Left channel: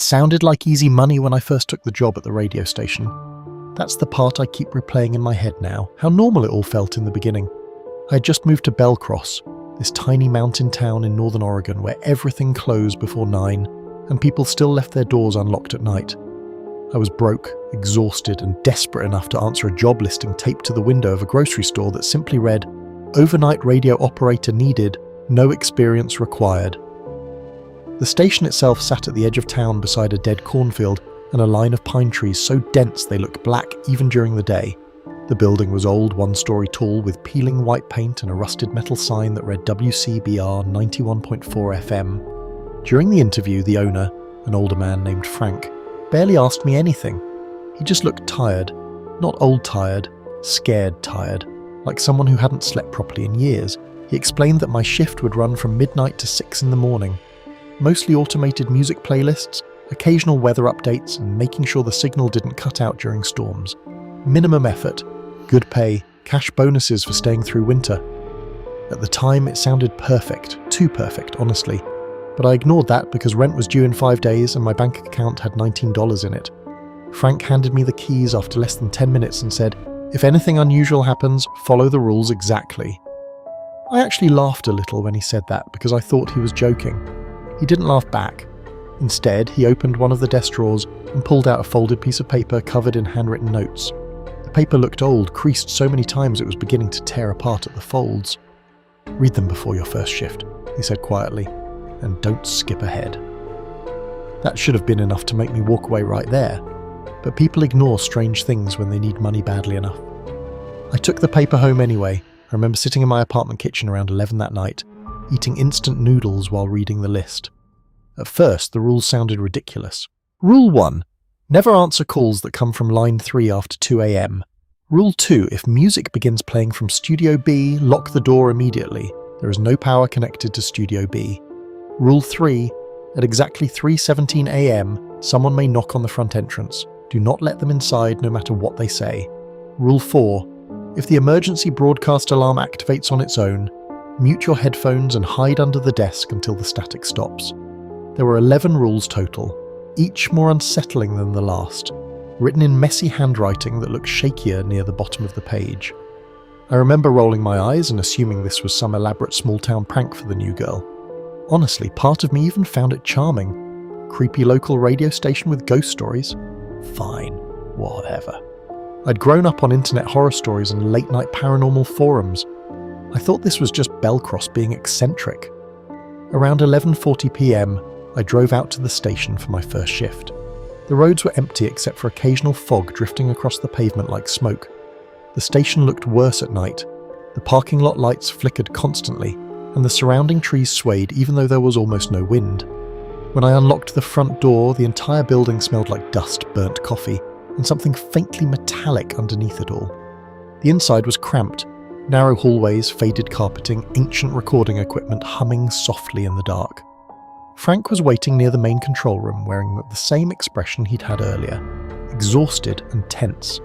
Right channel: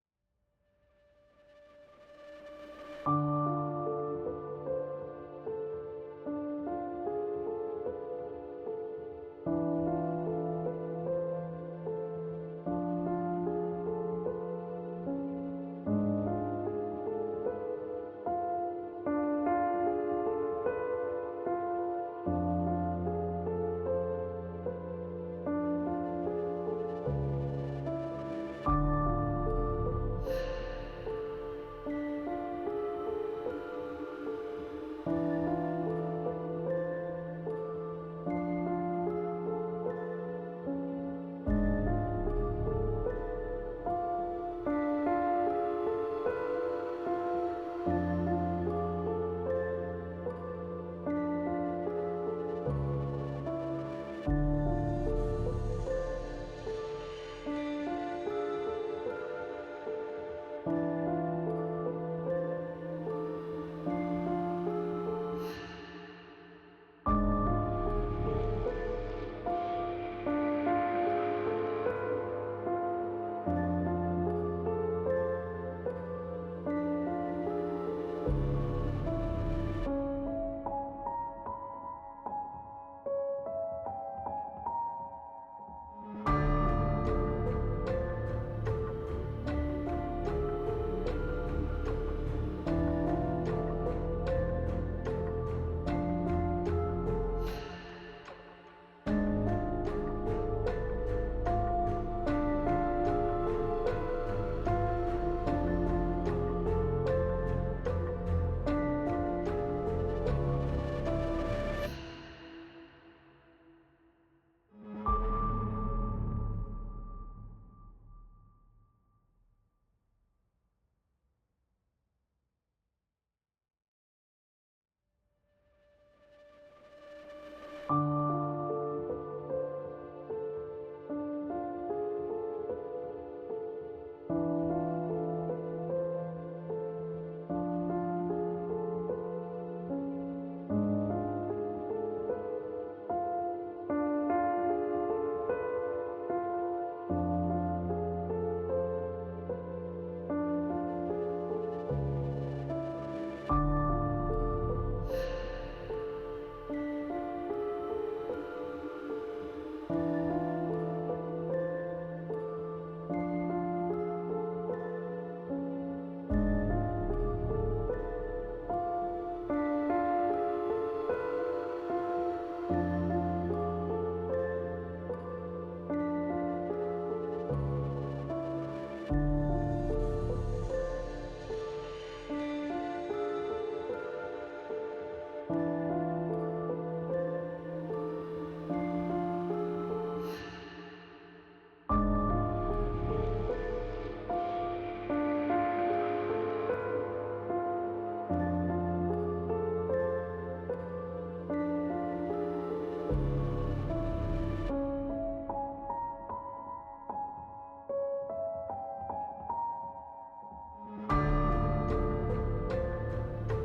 It sounded like easy money when I first took the job at the radio station. That's the part I keep replaying in my head now, how normal it all felt in the beginning. I had just moved to Belcross, this tiny mountain town in northern Oregon where everything closed before 9 and people still left their doors unlocked at night. I was broke, exhausted, and desperate enough to answer a job listing taped to the window of a grocery store that simply read, "Overnight radio operator needed, no experience required." The station itself sat at the edge of town beside a dead cornfield and a line of pine trees so dense they looked black even during the day. The building was old, 1-story tall, with peeling white paint and a rusted metal sign that read WCBR 91.4 FM. During the interview, the owner, an older man named Frank, barely asked me anything. He just looked tired. Not old tired, scared tired, like someone who hadn't slept properly in years. He explained that my shift would run from midnight to 6 in the morning. Mostly automated music playlists, occasional weather updates, and making sure the signal didn't cut out during storms. Minimum effort, good pay, cash bonuses for staying through winter. At the time, it sounded perfect, too perfect, honestly. But I ignored that because rent was due in 5 days and my bank account had $19 in it. Frank handed me the keys after less than 10 minutes and said, "If anything unusual happens, follow the rules exactly." I actually laughed a little when he said that because I thought he was joking. He didn't laugh back. Instead, he opened one of the desk drawers and pulled out a folded piece of paper covered in handwritten notes. The paper looked old, creased so many times it was beginning to tear apart at the folds. "Read them before your first shift," he said quietly, "and don't skip ahead." That should have been enough to make me walk away right there, but people ignore strange things when they need money badly enough. I took the paper home anyway. I remember sitting in my apartment kitchen around 11 that night, eating instant noodles while reading the list. At first, the rules sounded ridiculous. Rule 1. Never answer calls that come from line 3 after 2 a.m. Rule 2. If music begins playing from Studio B, lock the door immediately. There is no power connected to Studio B. Rule 3. At exactly 3:17 a.m, someone may knock on the front entrance. Do not let them inside no matter what they say. Rule 4. If the emergency broadcast alarm activates on its own, mute your headphones and hide under the desk until the static stops. There were 11 rules total, each more unsettling than the last, written in messy handwriting that looked shakier near the bottom of the page. I remember rolling my eyes and assuming this was some elaborate small-town prank for the new girl. Honestly, part of me even found it charming. Creepy local radio station with ghost stories? Fine, whatever. I'd grown up on internet horror stories and late-night paranormal forums. I thought this was just Belcross being eccentric. Around 11:40 p.m, I drove out to the station for my first shift. The roads were empty except for occasional fog drifting across the pavement like smoke. The station looked worse at night. The parking lot lights flickered constantly, and the surrounding trees swayed even though there was almost no wind. When I unlocked the front door, the entire building smelled like dust, burnt coffee, and something faintly metallic underneath it all. The inside was cramped. Narrow hallways, faded carpeting, ancient recording equipment humming softly in the dark. Frank was waiting near the main control room wearing the same expression he'd had earlier, exhausted and tense.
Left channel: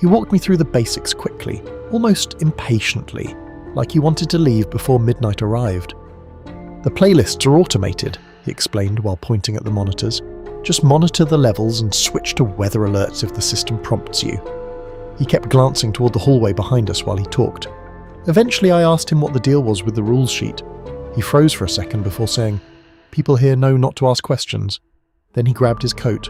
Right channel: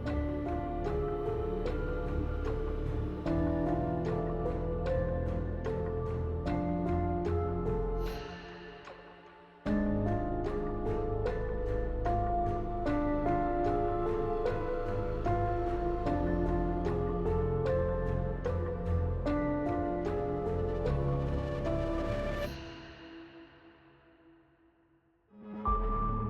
He walked me through the basics quickly, almost impatiently, like he wanted to leave before midnight arrived. "The playlists are automated," he explained while pointing at the monitors. "Just monitor the levels and switch to weather alerts if the system prompts you." He kept glancing toward the hallway behind us while he talked. Eventually I asked him what the deal was with the rules sheet. He froze for a second before saying, "People here know not to ask questions." Then he grabbed his coat.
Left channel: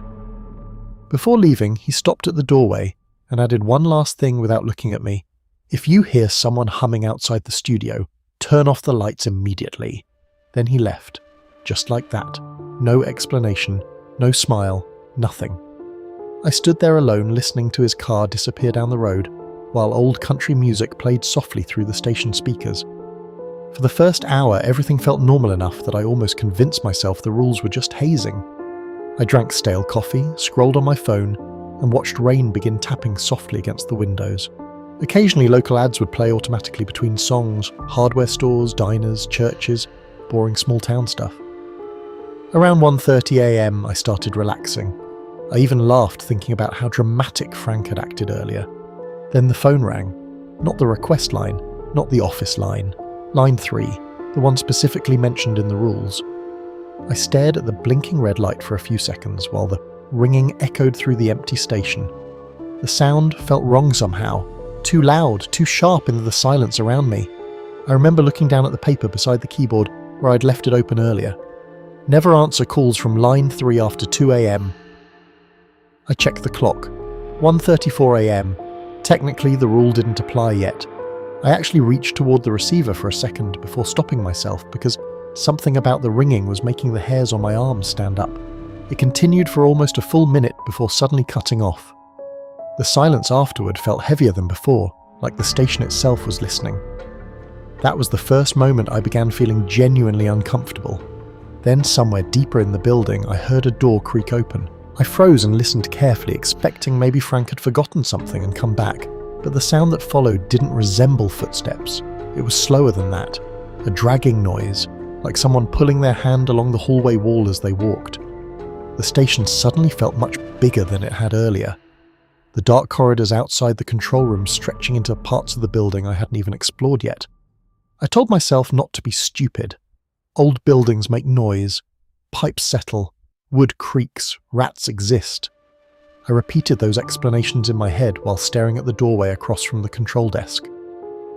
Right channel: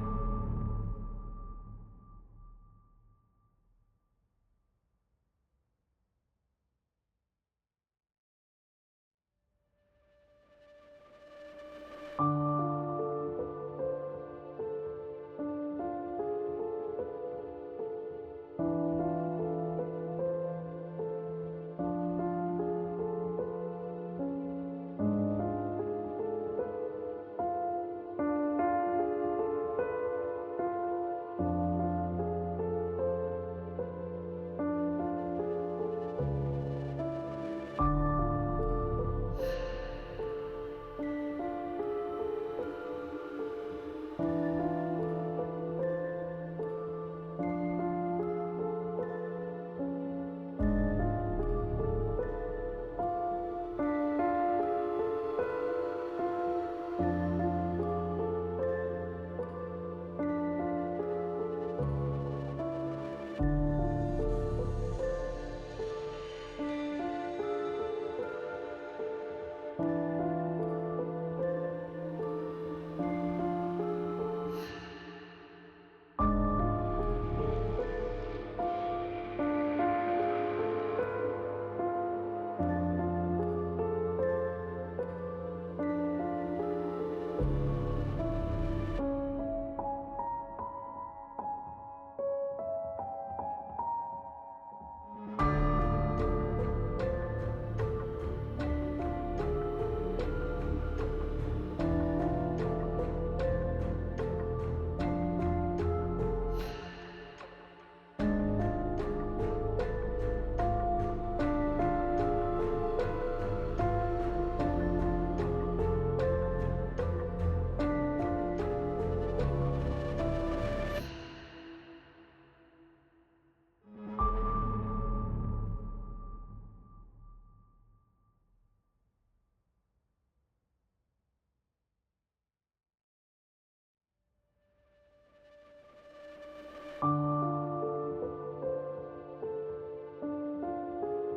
Before leaving, he stopped at the doorway and added one last thing without looking at me. "If you hear someone humming outside the studio, turn off the lights immediately." Then he left. Just like that. No explanation, no smile, nothing. I stood there alone listening to his car disappear down the road, while old country music played softly through the station speakers. For the first hour, everything felt normal enough that I almost convinced myself the rules were just hazing. I drank stale coffee, scrolled on my phone, and watched rain begin tapping softly against the windows. Occasionally local ads would play automatically between songs, hardware stores, diners, churches, boring small town stuff. Around 1:30 a.m, I started relaxing. I even laughed thinking about how dramatic Frank had acted earlier. Then the phone rang. Not the request line, not the office line. Line 3, the one specifically mentioned in the rules. I stared at the blinking red light for a few seconds while the ringing echoed through the empty station. The sound felt wrong somehow, too loud, too sharp into the silence around me. I remember looking down at the paper beside the keyboard where I'd left it open earlier. Never answer calls from line 3 after 2 a.m. I checked the clock. 1:34 a.m. Technically, the rule didn't apply yet. I actually reached toward the receiver for a second before stopping myself because something about the ringing was making the hairs on my arms stand up. It continued for almost a full minute before suddenly cutting off. The silence afterward felt heavier than before, like the station itself was listening. That was the first moment I began feeling genuinely uncomfortable. Then, somewhere deeper in the building, I heard a door creak open. I froze and listened carefully, expecting maybe Frank had forgotten something and come back. But the sound that followed didn't resemble footsteps. It was slower than that. A dragging noise, like someone pulling their hand along the hallway wall as they walked. The station suddenly felt much bigger than it had earlier. The dark corridors outside the control room stretching into parts of the building I hadn't even explored yet. I told myself not to be stupid. Old buildings make noise. Pipes settle. Wood creaks. Rats exist. I repeated those explanations in my head while staring at the doorway across from the control desk.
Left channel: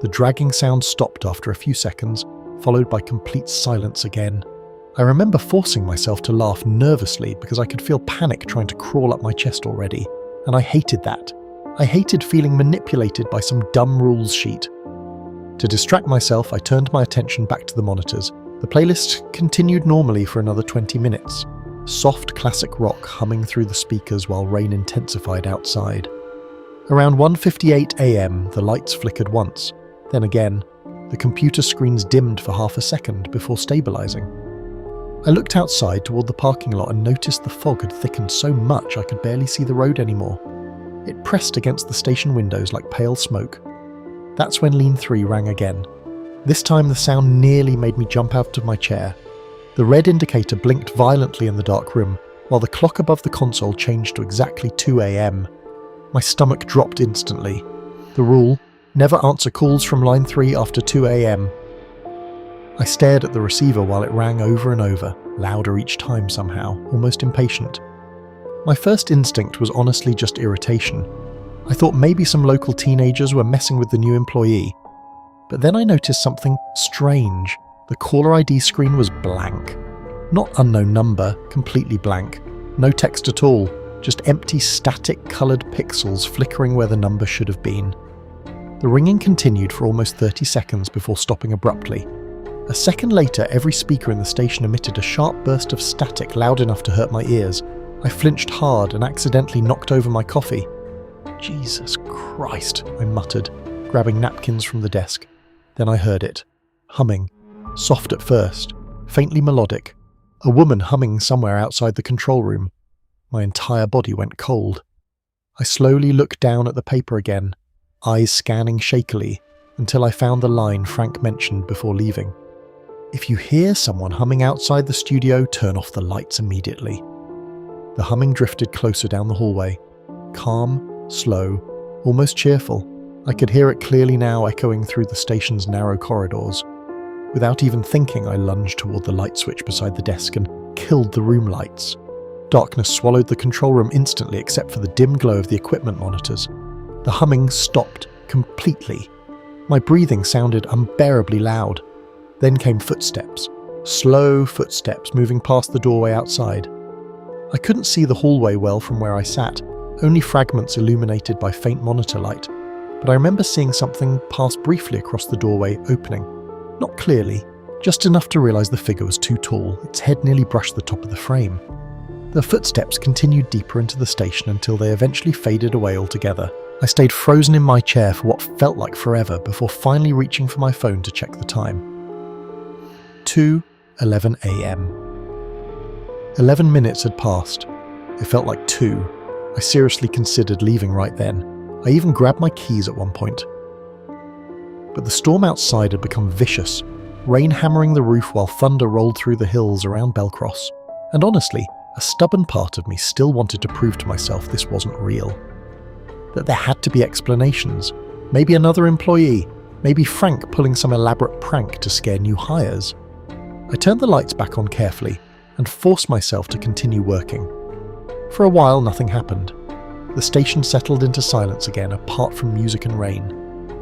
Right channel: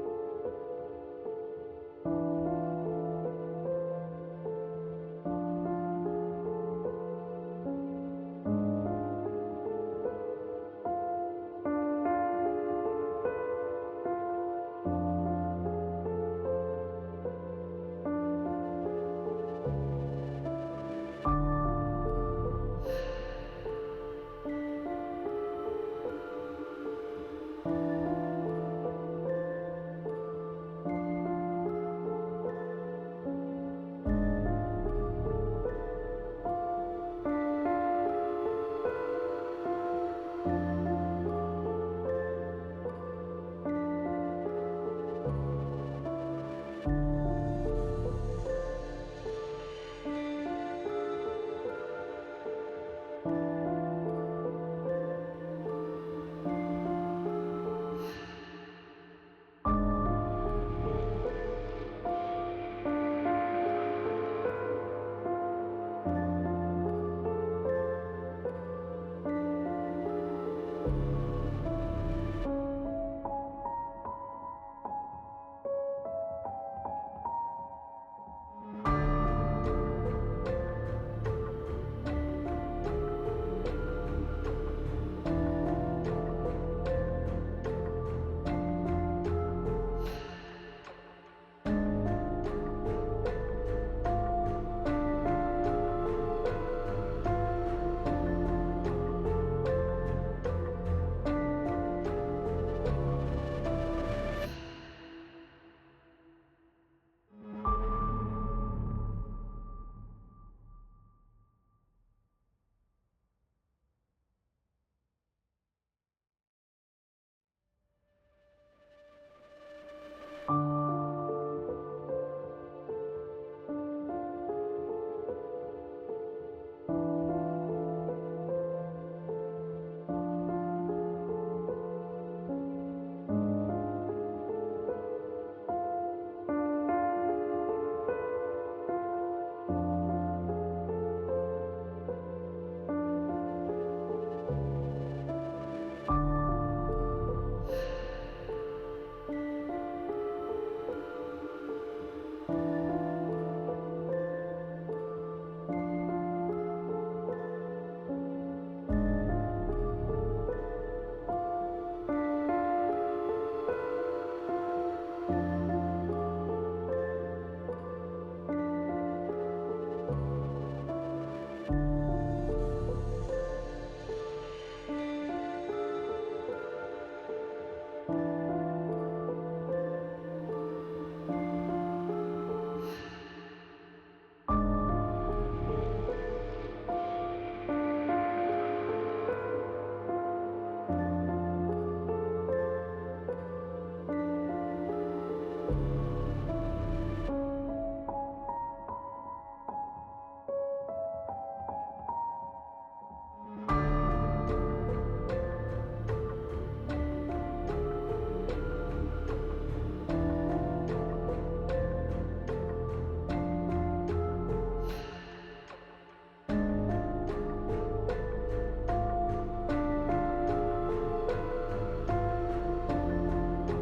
The dragging sound stopped after a few seconds, followed by complete silence again. I remember forcing myself to laugh nervously because I could feel panic trying to crawl up my chest already, and I hated that. I hated feeling manipulated by some dumb rules sheet. To distract myself, I turned my attention back to the monitors. The playlist continued normally for another 20 minutes. Soft classic rock humming through the speakers while rain intensified outside. Around 1:58 a.m, the lights flickered once. Then again, the computer screens dimmed for half a second before stabilizing. I looked outside toward the parking lot and noticed the fog had thickened so much I could barely see the road anymore. It pressed against the station windows like pale smoke. That's when Lean 3 rang again. This time the sound nearly made me jump out of my chair. The red indicator blinked violently in the dark room, while the clock above the console changed to exactly 2 a.m. My stomach dropped instantly. The rule, never answer calls from line 3 after 2 a.m. I stared at the receiver while it rang over and over, louder each time somehow, almost impatient. My first instinct was honestly just irritation. I thought maybe some local teenagers were messing with the new employee. But then I noticed something strange. The caller ID screen was blank. Not unknown number, completely blank. No text at all, just empty static coloured pixels flickering where the number should have been. The ringing continued for almost 30 seconds before stopping abruptly. A second later, every speaker in the station emitted a sharp burst of static loud enough to hurt my ears. I flinched hard and accidentally knocked over my coffee. "Jesus Christ," I muttered, grabbing napkins from the desk. Then I heard it. Humming. Soft at first, faintly melodic. A woman humming somewhere outside the control room. My entire body went cold. I slowly looked down at the paper again, eyes scanning shakily, until I found the line Frank mentioned before leaving. "If you hear someone humming outside the studio, turn off the lights immediately." The humming drifted closer down the hallway. Calm, slow, almost cheerful. I could hear it clearly now echoing through the station's narrow corridors. Without even thinking, I lunged toward the light switch beside the desk and killed the room lights. Darkness swallowed the control room instantly except for the dim glow of the equipment monitors. The humming stopped completely. My breathing sounded unbearably loud. Then came footsteps. Slow footsteps moving past the doorway outside. I couldn't see the hallway well from where I sat, only fragments illuminated by faint monitor light. But I remember seeing something pass briefly across the doorway opening. Not clearly, just enough to realise the figure was too tall. Its head nearly brushed the top of the frame. The footsteps continued deeper into the station until they eventually faded away altogether. I stayed frozen in my chair for what felt like forever before finally reaching for my phone to check the time. 2:11 a.m. 11 minutes had passed. It felt like 2. I seriously considered leaving right then. I even grabbed my keys at one point. But the storm outside had become vicious, rain hammering the roof while thunder rolled through the hills around Belcross. And honestly, a stubborn part of me still wanted to prove to myself this wasn't real. That there had to be explanations. Maybe another employee. Maybe Frank pulling some elaborate prank to scare new hires. I turned the lights back on carefully and forced myself to continue working. For a while, nothing happened. The station settled into silence again, apart from music and rain.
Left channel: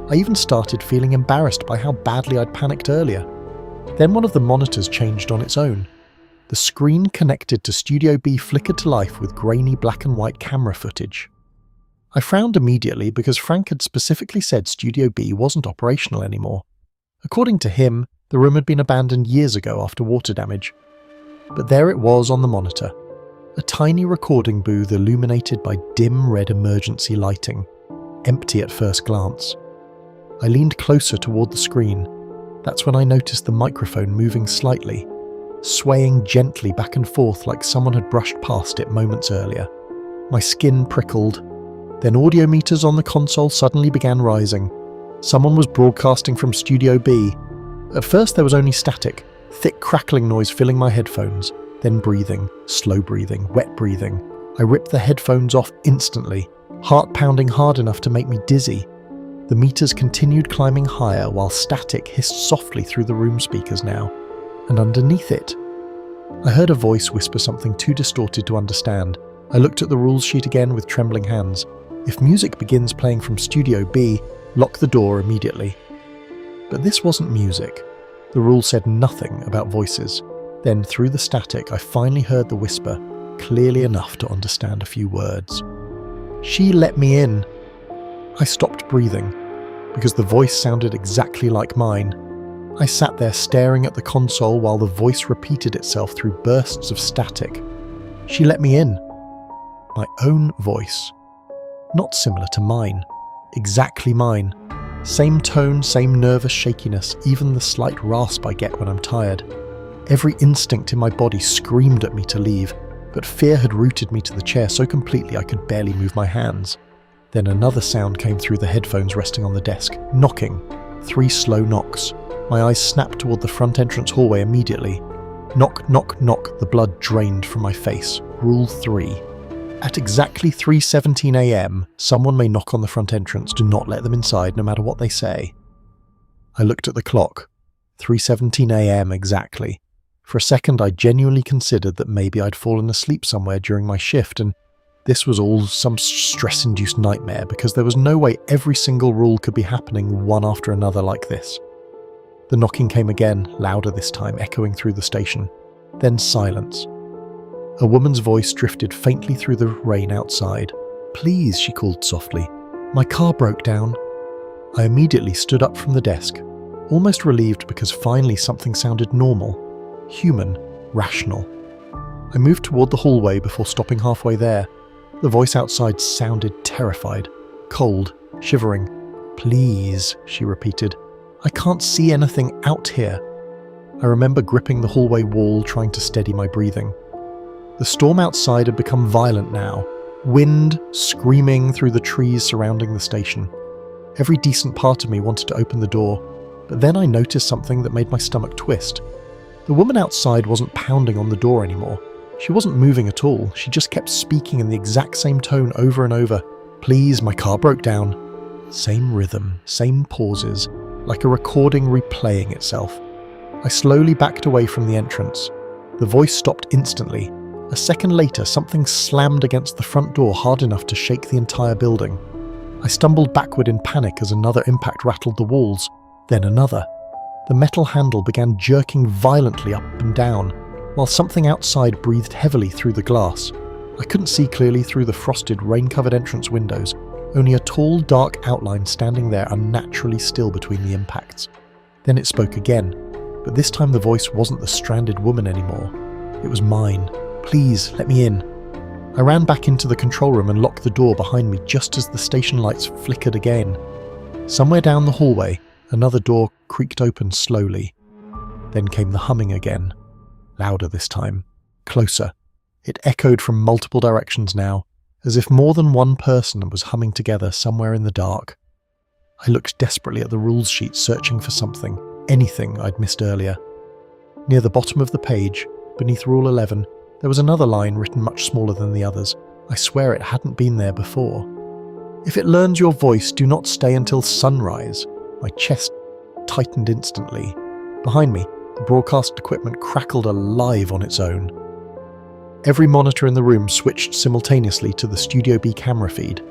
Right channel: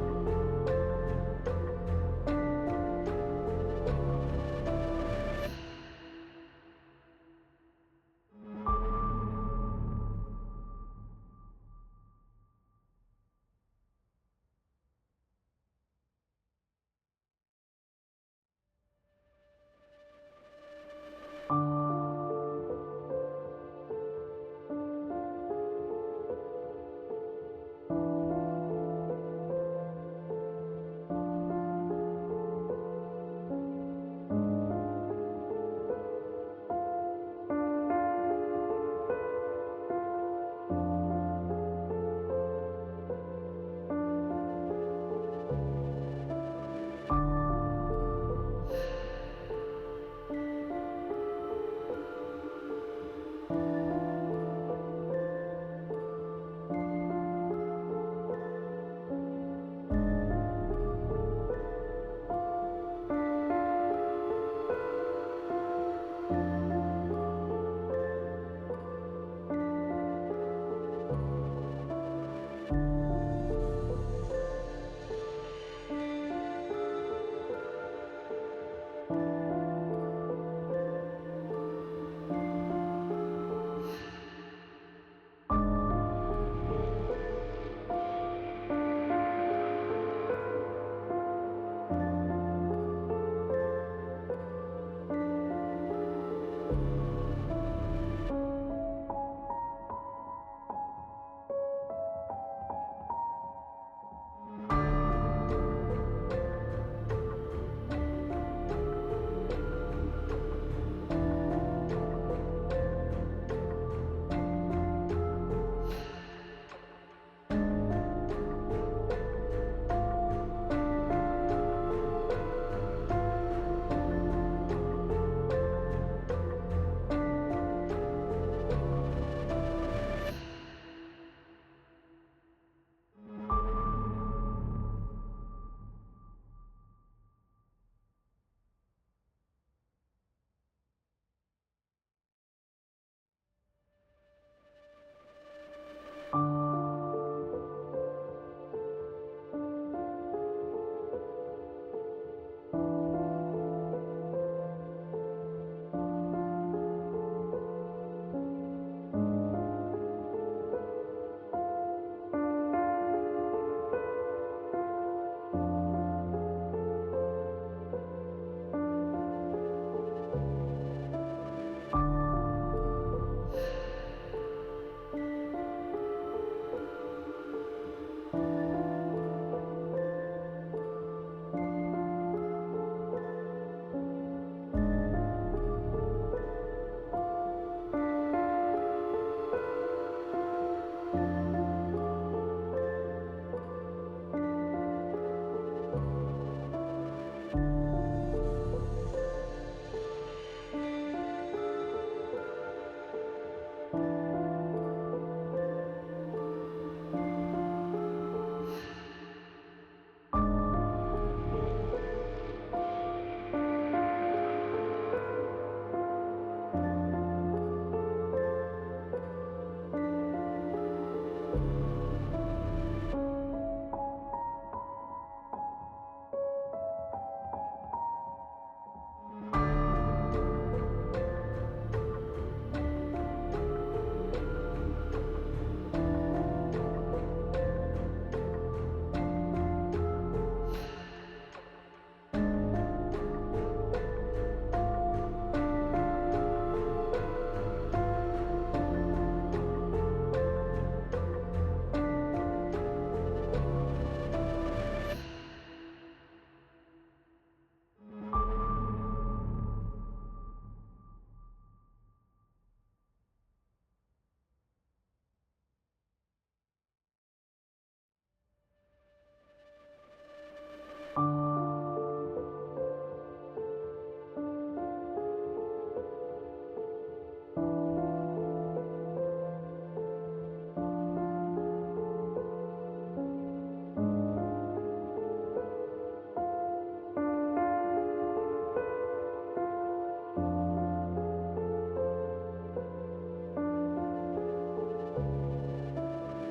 I even started feeling embarrassed by how badly I'd panicked earlier. Then one of the monitors changed on its own. The screen connected to Studio B flickered to life with grainy black and white camera footage. I frowned immediately because Frank had specifically said Studio B wasn't operational anymore. According to him, the room had been abandoned years ago after water damage. But there it was on the monitor. A tiny recording booth illuminated by dim red emergency lighting, empty at first glance. I leaned closer toward the screen. That's when I noticed the microphone moving slightly, swaying gently back and forth like someone had brushed past it moments earlier. My skin prickled. Then audio meters on the console suddenly began rising. Someone was broadcasting from Studio B. At first there was only static, thick crackling noise filling my headphones, then breathing, slow breathing, wet breathing. I ripped the headphones off instantly, heart pounding hard enough to make me dizzy. The meters continued climbing higher while static hissed softly through the room speakers now. And underneath it, I heard a voice whisper something too distorted to understand. I looked at the rules sheet again with trembling hands. If music begins playing from Studio B, lock the door immediately. But this wasn't music. The rule said nothing about voices. Then, through the static, I finally heard the whisper, clearly enough to understand a few words. "She let me in." I stopped breathing, because the voice sounded exactly like mine. I sat there staring at the console while the voice repeated itself through bursts of static. "She let me in." My own voice. Not similar to mine. Exactly mine. Same tone, same nervous shakiness, even the slight rasp I get when I'm tired. Every instinct in my body screamed at me to leave, but fear had rooted me to the chair so completely I could barely move my hands. Then another sound came through the headphones resting on the desk. Knocking. 3 slow knocks. My eyes snapped toward the front entrance hallway immediately. Knock, knock, knock. The blood drained from my face. Rule 3. At exactly 3:17 a.m, someone may knock on the front entrance. Do not let them inside, no matter what they say. I looked at the clock. 3:17 a.m. exactly. For a second, I genuinely considered that maybe I'd fallen asleep somewhere during my shift, and this was all some stress-induced nightmare, because there was no way every single rule could be happening one after another like this. The knocking came again, louder this time, echoing through the station. Then silence. A woman's voice drifted faintly through the rain outside. "Please," she called softly. "My car broke down." I immediately stood up from the desk, almost relieved because finally something sounded normal, human, rational. I moved toward the hallway before stopping halfway there. The voice outside sounded terrified, cold, shivering. "Please," she repeated. "I can't see anything out here." I remember gripping the hallway wall, trying to steady my breathing. The storm outside had become violent now, wind screaming through the trees surrounding the station. Every decent part of me wanted to open the door, but then I noticed something that made my stomach twist. The woman outside wasn't pounding on the door anymore. She wasn't moving at all. She just kept speaking in the exact same tone over and over. "Please, my car broke down." Same rhythm, same pauses, like a recording replaying itself. I slowly backed away from the entrance. The voice stopped instantly. A second later, something slammed against the front door hard enough to shake the entire building. I stumbled backward in panic as another impact rattled the walls, then another. The metal handle began jerking violently up and down, while something outside breathed heavily through the glass. I couldn't see clearly through the frosted, rain-covered entrance windows, only a tall, dark outline standing there unnaturally still between the impacts. Then it spoke again, but this time the voice wasn't the stranded woman anymore. It was mine. "Please, let me in." I ran back into the control room and locked the door behind me just as the station lights flickered again. Somewhere down the hallway, another door creaked open slowly. Then came the humming again. Louder this time. Closer. It echoed from multiple directions now, as if more than one person was humming together somewhere in the dark. I looked desperately at the rules sheet, searching for something, anything I'd missed earlier. Near the bottom of the page, beneath Rule 11, there was another line written much smaller than the others. I swear it hadn't been there before. "If it learns your voice, do not stay until sunrise." My chest tightened instantly. Behind me, the broadcast equipment crackled alive on its own. Every monitor in the room switched simultaneously to the Studio B camera feed.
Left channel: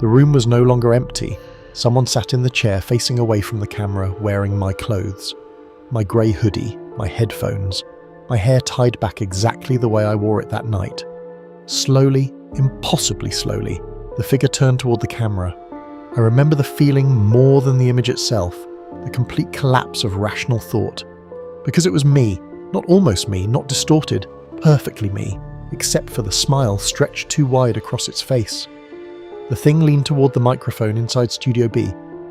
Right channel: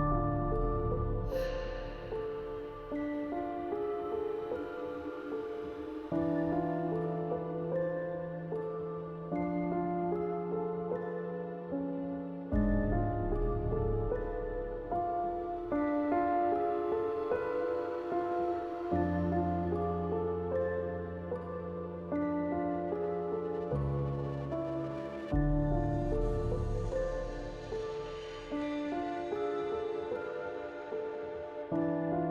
The room was no longer empty. Someone sat in the chair facing away from the camera, wearing my clothes. My grey hoodie, my headphones, my hair tied back exactly the way I wore it that night. Slowly, impossibly slowly, the figure turned toward the camera. I remember the feeling more than the image itself, the complete collapse of rational thought. Because it was me, not almost me, not distorted, perfectly me, except for the smile stretched too wide across its face. The thing leaned toward the microphone inside Studio B,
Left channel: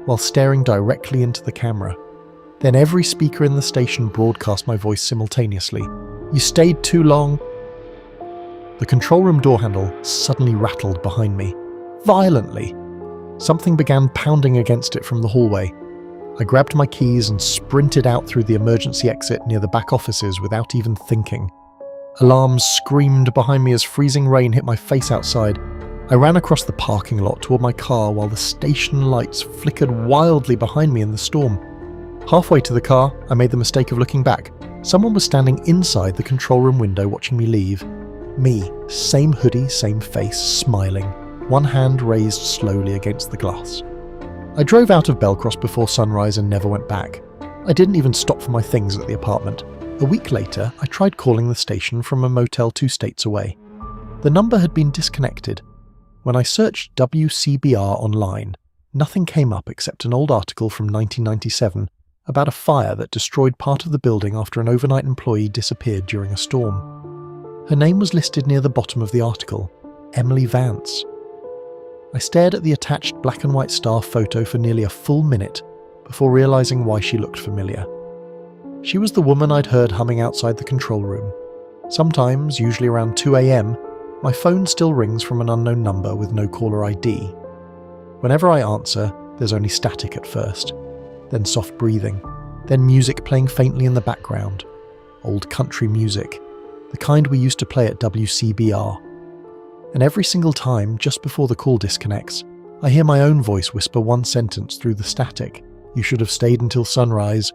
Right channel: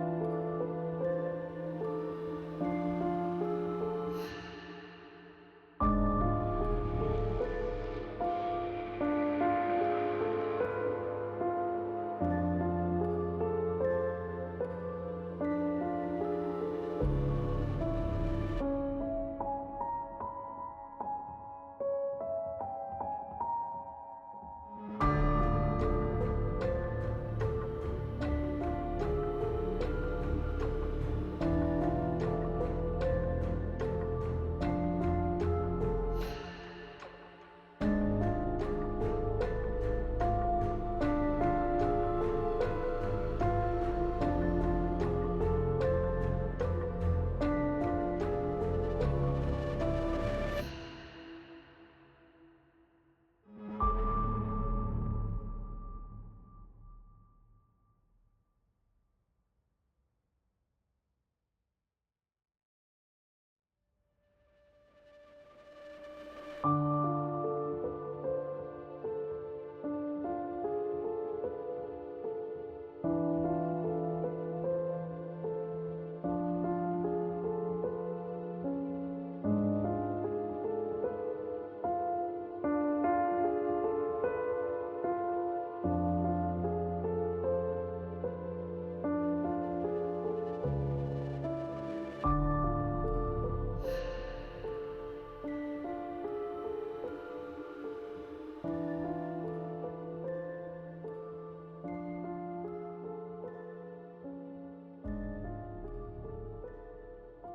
while staring directly into the camera. Then every speaker in the station broadcast my voice simultaneously. "You stayed too long." The control room door handle suddenly rattled behind me. Violently. Something began pounding against it from the hallway. I grabbed my keys and sprinted out through the emergency exit near the back offices without even thinking. Alarms screamed behind me as freezing rain hit my face outside. I ran across the parking lot toward my car while the station lights flickered wildly behind me in the storm. Halfway to the car, I made the mistake of looking back. Someone was standing inside the control room window watching me leave. Me, same hoodie, same face, smiling, one hand raised slowly against the glass. I drove out of Belcross before sunrise and never went back. I didn't even stop for my things at the apartment. A week later, I tried calling the station from a motel 2 states away. The number had been disconnected. When I searched WCBR online, nothing came up except an old article from 1997 about a fire that destroyed part of the building after an overnight employee disappeared during a storm. Her name was listed near the bottom of the article, Emily Vance. I stared at the attached black and white star photo for nearly a full minute before realizing why she looked familiar. She was the woman I'd heard humming outside the control room. Sometimes, usually around 2 a.m, my phone still rings from an unknown number with no caller ID. Whenever I answer, there's only static at first, then soft breathing, then music playing faintly in the background. Old country music, the kind we used to play at WCBR. And every single time, just before the call disconnects, I hear my own voice whisper one sentence through the static. "You should have stayed until sunrise.